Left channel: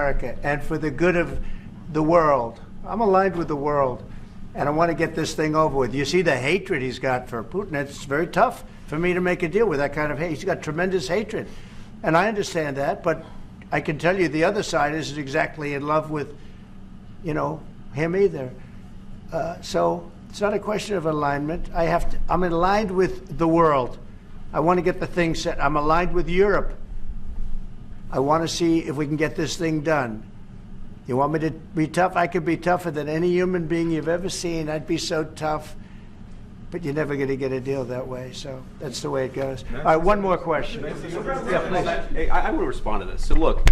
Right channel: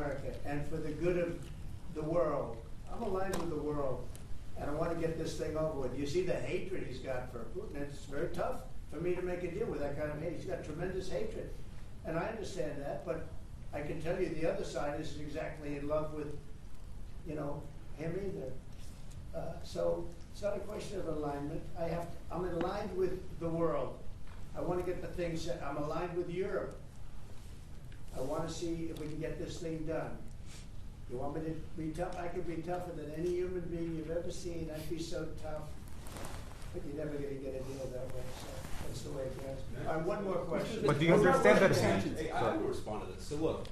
America and for the good of the world. I'm aligned with the world, and I want to get this thing over with. You see the hatred he's got for Putin. It's very tough for me to make a deal with that kind of hate. He's got tremendous hatred, and I understand that, but I can tell you the other side isn't exactly in love with, him either. So it's not a question of alignment. I'm aligned with the world. I want to get the thing set. I'm aligned with Europe. I want to see if we can get this thing done. You want me to be tough? I could be tougher than any human being you've ever seen. I'd be so tough. But you're never going to get a deal that way. So that's the way it goes. All right, one more question. I want to respond to this. So look,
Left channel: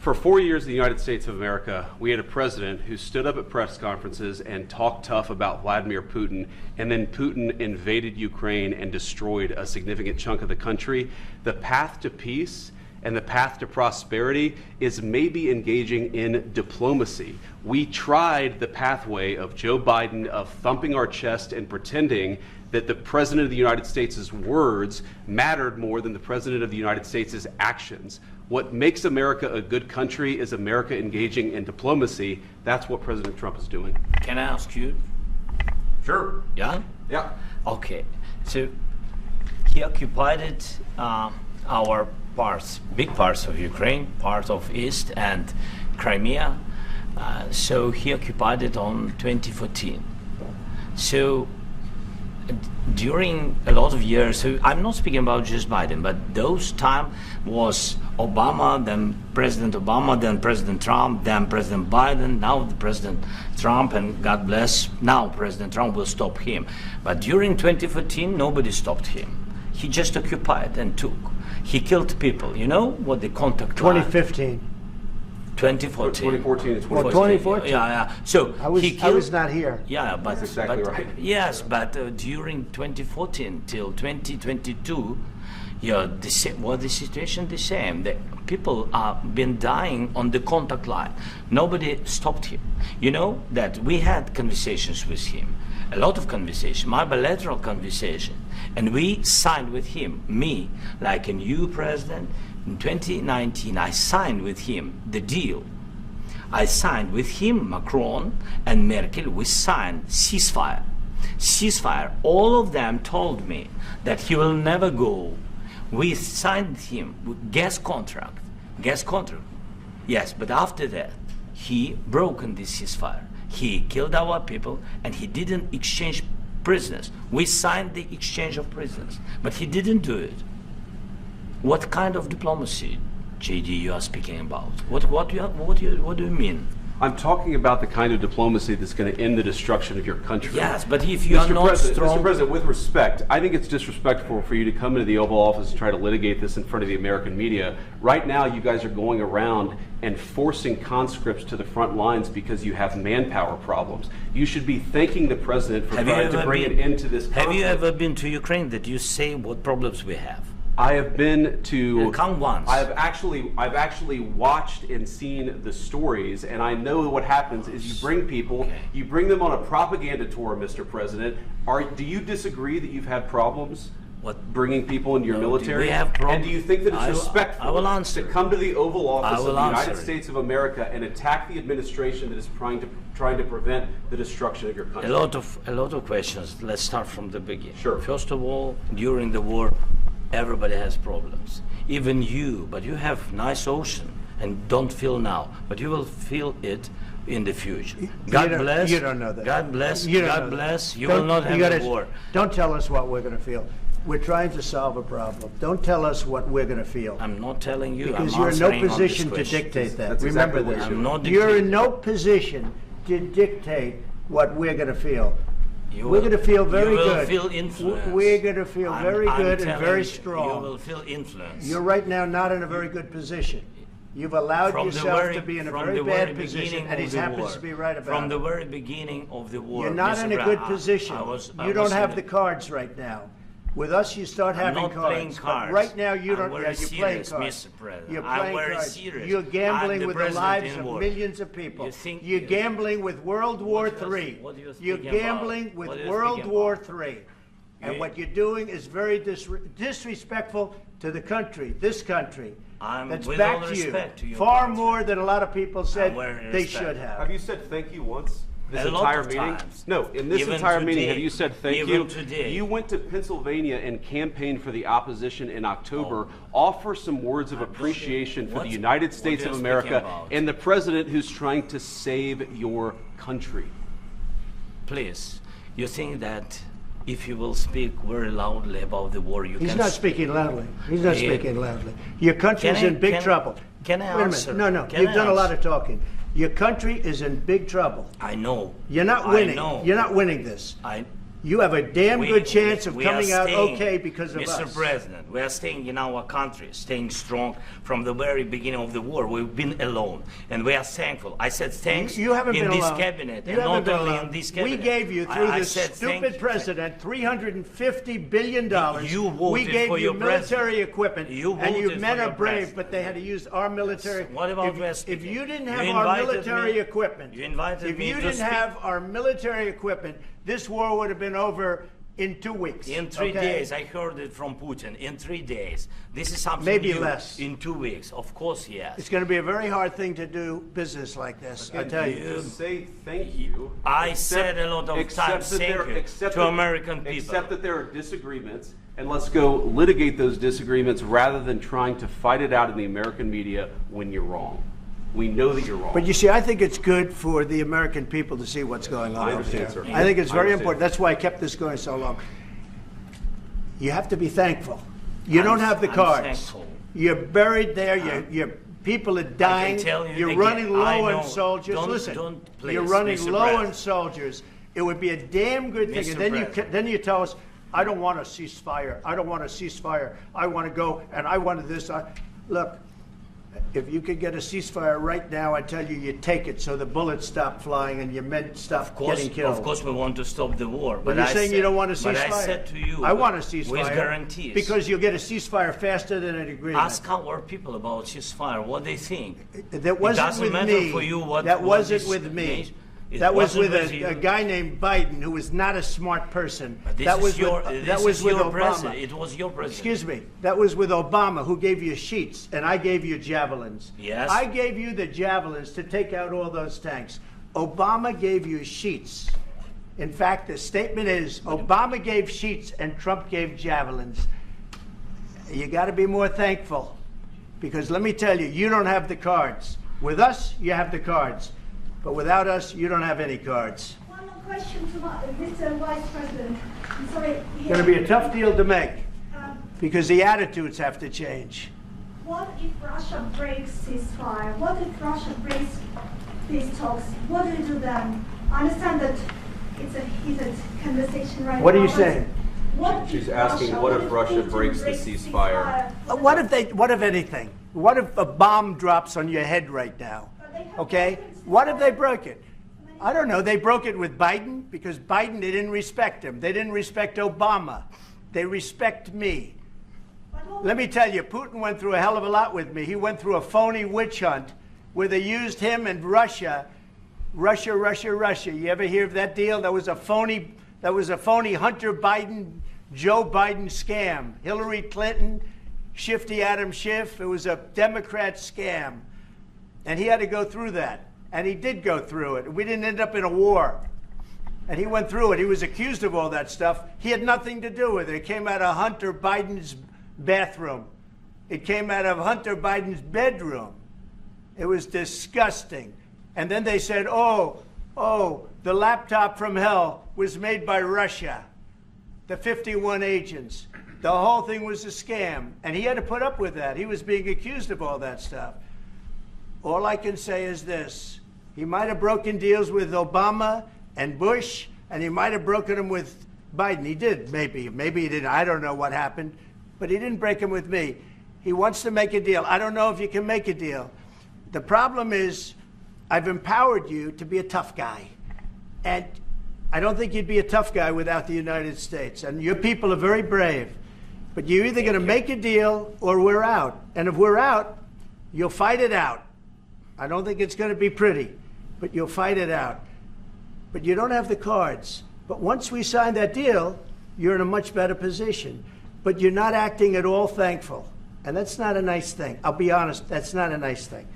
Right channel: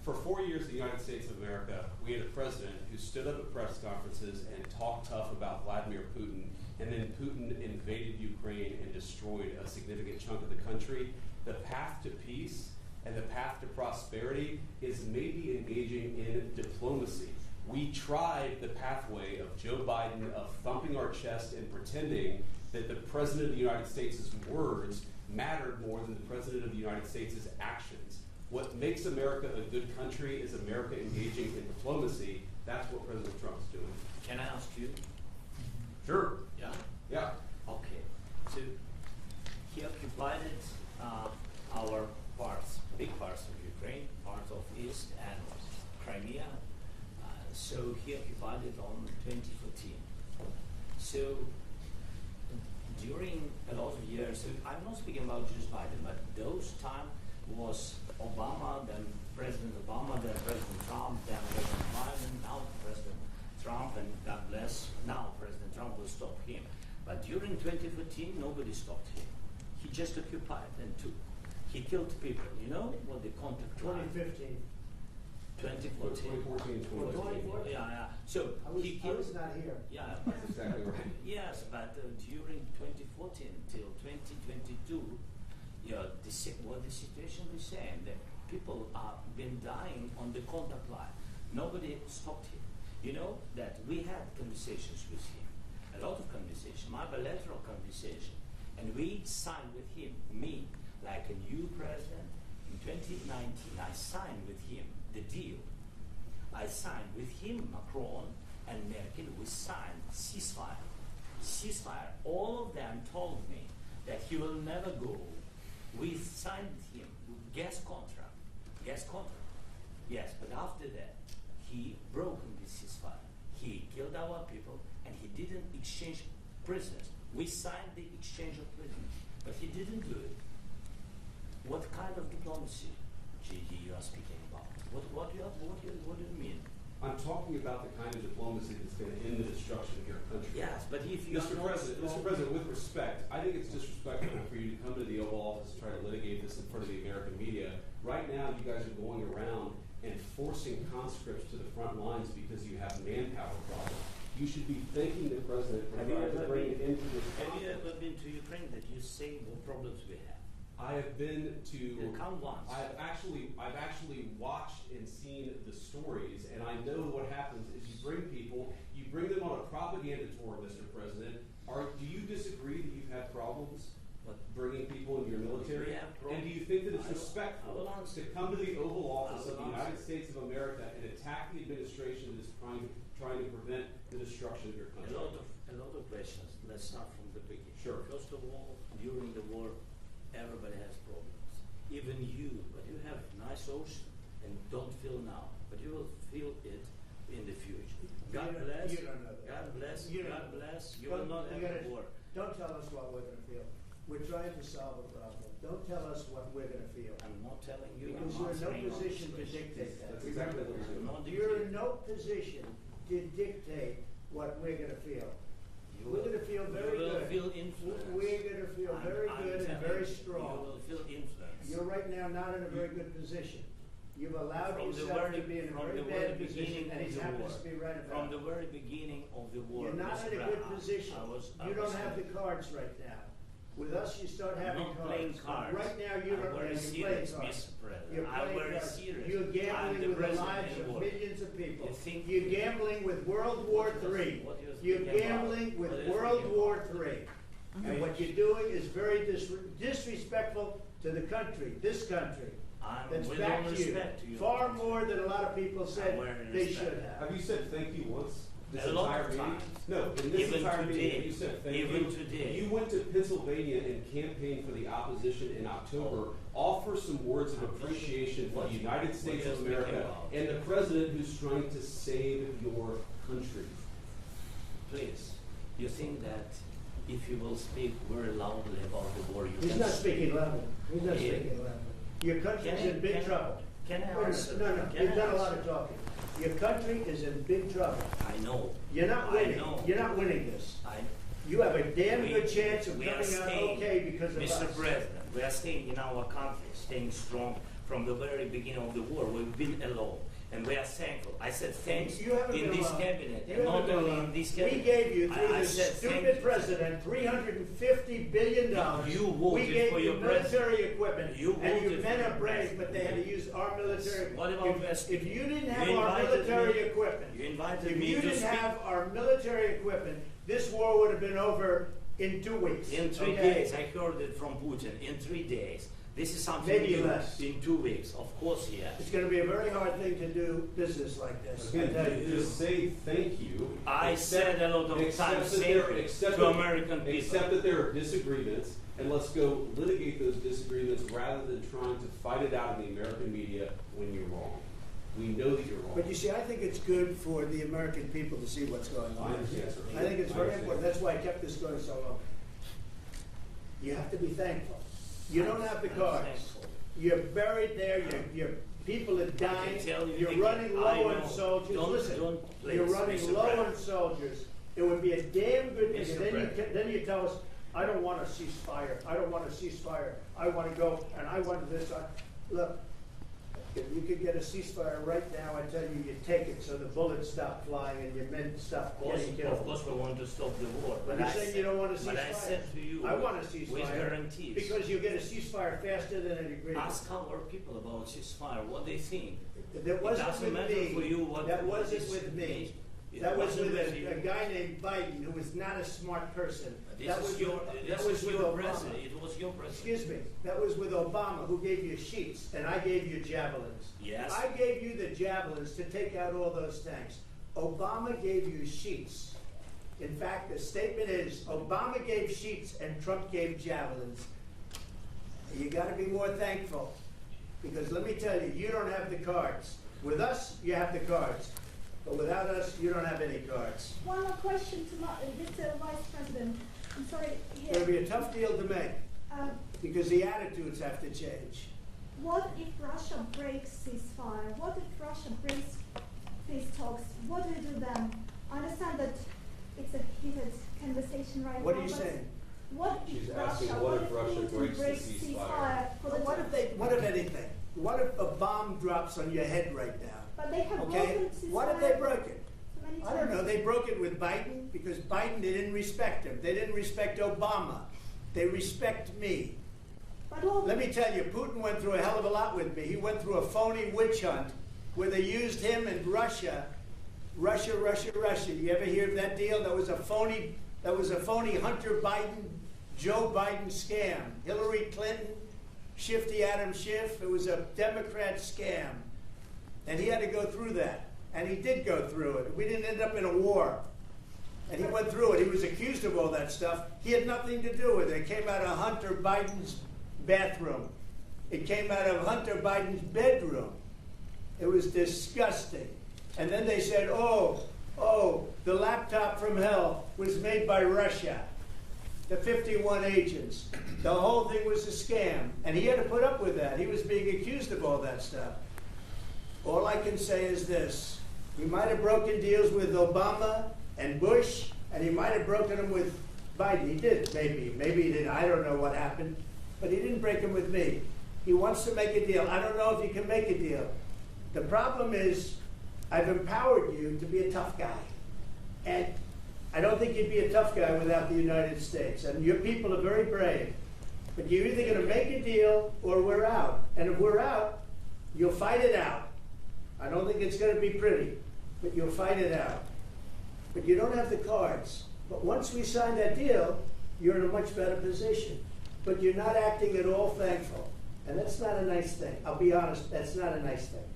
for 4 years in the United States of America, we had a president who stood up at press conferences and talked tough about Vladimir Putin, and then Putin invaded Ukraine and destroyed a significant chunk of the country. The path to peace and the path to prosperity is maybe engaging in diplomacy. We tried the pathway of Joe Biden, of thumping our chest and pretending that the President of the United States' words mattered more than the President of the United States' actions. What makes America a good country is America engaging in diplomacy. That's what President Trump is doing. Can I ask you? Sure. Yeah? Yeah. Okay. So he occupied our parts, big parts of Ukraine, part of East and Crimea. So he occupied it on 2014. So during a lot of years, so I'm not speaking about just Biden, but those time was Obama, then President Obama, then President Trump, then President Biden, now the President Trump, and God bless, now President Trump will stop him. But during 2014, nobody stopped him. He just occupied and took. He killed people. You know what the contact 2015. 2014. 2014 and 2014. 2014. Yeah. So I was not here. Yeah, but That's exactly right. Yes, but during 2014 till 2022, the situation the same. The people have been dying on the contact line. Nobody stopped him. You know that we had conversations with him, a lot of conversation, my bilateral conversation, and we signed with him, me, like a new president. In 2019, I signed with him the deal. I signed with him, Macron and Merkel, we signed ceasefire. Ceasefire, all of them told me that he will never go. We signed him with gas contract. Yes, but after that, he broken this ceasefire. He killed our people and he didn't exchange prisoners. We signed the exchange of prisoners, but he didn't do it. What kind of diplomacy, JD, you are speaking about? What do you mean? I'm talking about the kind of diplomacy that's going to end the destruction of your country. Yes, but if you are not strong... Mr. President, with respect, I think it's disrespectful for you to come into the Oval Office and try to litigate this in front of the American media. Right now, you guys are going around and forcing conscripts to the front lines because you have manpower problems. You should be thanking the President for trying to bring an end to this conflict. Have you ever been to Ukraine that you say what problems we have? I have been to. Come once. I've actually watched and seen the stories, and I know what happens is you bring people, you bring them on a propaganda tour, Mr. President. Do you disagree that you've had problems? What? Bringing people into your military? We have problems. And do you think that it's respectful to come to the Oval Office of the United States of America and attack the administration that is trying to prevent the destruction of your country? A lot of questions. Let's start from the beginning. Sure. First of all, during the war, everybody has problems, even you, but you have nice ocean and don't feel now, but you will feel it in the future. God bless. You don't know that. God bless. God bless. You will not have a war. Don't tell us what we're going to feel. We're trying to solve a problem. Don't tell us what we're going to feel. I'm not telling you. Because you're in no position to dictate that. Remember this. You're in no position to dictate what we're going to feel. We're going to feel very good. You will feel influence. We're going to feel very good and very strong. You will feel influence. You're right now not in a very good position. You've allowed yourself to be in a very bad position, and he happens to be right about it. From the very beginning of the war. You're not in a good position. You don't have the cards right now. With us, you start having cards. But right now, you don't. You're playing cards. You're playing cards. You're gambling with the lives of millions of people. You're gambling with World War III. You're gambling with World War III. And what you're doing is very disrespectful to the country, this country. That's with back all to you. respect to you. Far more than a lot of people said very they respect. should have. Have you said thank you once? This A lot entire of meeting? times. No, in this Even entire meeting, today. have you said thank Even you? today. You went to Pennsylvania and campaigned for the opposition in October. Offer some words of appreciation for the United States are of you America speaking about? and the president who's trying to save your country. Please, you think that if you will speak very loudly about the war, you He's can... not speaking loudly. He's not Yeah. speaking loudly. Your country's Can I- in big can- trouble. can I Wait a answer? minute. No, Can you've I done a lot answer? of talking. Your country is in big trouble. I know. You're not I winning. know. You're not winning this. I, You have a damn good chance of we are coming out staying, okay because of Mr. us. President, we are staying in our country, staying strong from the very beginning of the war. We've been alone, and we are thankful. I said thanks You haven't in been this alone. cabinet, You and haven't not been only alone. in this cabinet. We gave you, through I this said thank stupid you. president, $350 billion. You voted We gave for you your military president. equipment. You and you voted men for are your brave, president. but they had to use our military. What about if, West if you didn't You have our invited military me- equipment, you invited if me you to didn't speak. have our military equipment, this war would have been over in 2 weeks. In 3 okay? days, I heard it from Putin. In 3 days, this is something Maybe new. less. In 2 weeks, of course, yes. It's going to be a very hard thing to do business like this, I tell you. To say thank you. I said a lot of except times that thank there- you except to that- American people. Except that there are disagreements, and let's go litigate those disagreements rather than trying to fight it out in the American media when you're wrong. We know that you're wrong. But you see, I think it's good for the American people to see what's going on I over understand, there. sir. I think it's I very understand. important. That's why I kept this going so long. You have to be thankful. You don't have the I'm cards. thankful. You're buried there. Your people are dying. tell you You're again, running I low know. on soldiers. Don't- Listen, don't, you're please, running Mr. low President. on soldiers. It would be a damn good thing. Mr. And President. then you tell us, I don't want a ceasefire. I don't want a ceasefire. I want to go and I wanted this. Look, if you could get a ceasefire right now, I tell you, you take it so the bullets stop flying and your men stop getting killed. Of course, we want to stop the war. But But you're I saying you said- don't want a ceasefire? But I said to you, I want a ceasefire. with guarantees. Because you'll get a ceasefire faster than an agreement. Ask our people about ceasefire, what they think. That wasn't doesn't with matter me. for you what- That what wasn't this with me. nation- it That was wasn't with with you. a guy named Biden, who was not a smart person. This That is was your, with, this that was is with your Obama. president. It was your president. Excuse me. That was with Obama, who gave you sheets, and I gave you javelins. Yes. I gave you the javelins to take out all those tanks. Obama gave you sheets. In fact, the statement is Obama gave sheets and Trump gave javelins. You got to be more thankful, because let me tell you, you don't have the cards. With us, you have the cards. But without us, you don't have any cards. One more question to Mr. Vice President. I'm sorry. It's going to be a tough deal to make, Um, because the attitudes have to change. what if Russia breaks ceasefire? What if Russia breaks peace talks? What do we do then? I understand that it's a heated conversation right now. What are you but saying? What She's if asking, Russia, what if Russia Putin breaks the ceasefire? What if anything? What if a bomb drops on your head right now? But they have Okay? broken ceasefire. What if they broke it? I don't know. They broke it with Biden because Biden, they didn't respect him. They didn't respect Obama. They respect me. But all- Let me tell you, Putin went through a hell of a lot with me. He went through a phony witch hunt where they used him and Russia. Russia. You ever hear of that deal? That was a phony Hunter Biden, Joe Biden scam. Hillary Clinton, Shifty Adam Schiff. It was a Democrat scam. And he had to go through that. And he did go through it. We didn't end up in a war. And he went through it. He was accused of all that stuff. He had nothing to do with it. It came out of Hunter Biden's bathroom. It came out of Hunter Biden's bedroom. It was disgusting. And then they said, oh, the laptop from hell was made by Russia. The 51 agents. The whole thing was a scam. And he had to put up with that. He was being accused of all that stuff. All I can say is this. He might have broken deals with Obama and Bush, and he might have broken them with Biden. He did, maybe. Maybe he didn't. I don't know what happened. But he didn't break them with me. He wants to make a deal. I don't know if you can make a deal. The problem is I've empowered you to be a tough guy. And I don't think you'd be a tough guy without the United States. And your people are very brave. But you're either going to make a deal or we're out. And if we're out, you'll fight it out. I don't think it's going to be pretty, but you'll fight it out. But you don't have the cards. But once we sign that deal, you're in a much better position. But you're not acting at all thankful. And that's not a nice thing. I'll be honest, that's not a nice thing.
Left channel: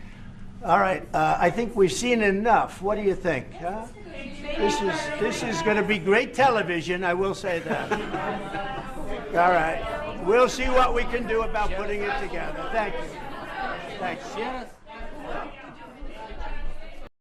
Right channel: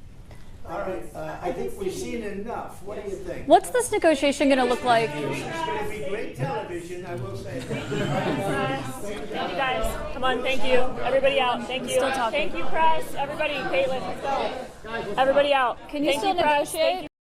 All right, I think we've seen enough. What do you think? What's this negotiation going to look like? This is going to be great television, I will say that. All right. Come on, We'll thank see you. what we can Everybody do out. about Thank putting you. it on. Thank you, press. Everybody, Caitlin, let's go. Everybody out. Can you Thank still press. negotiate?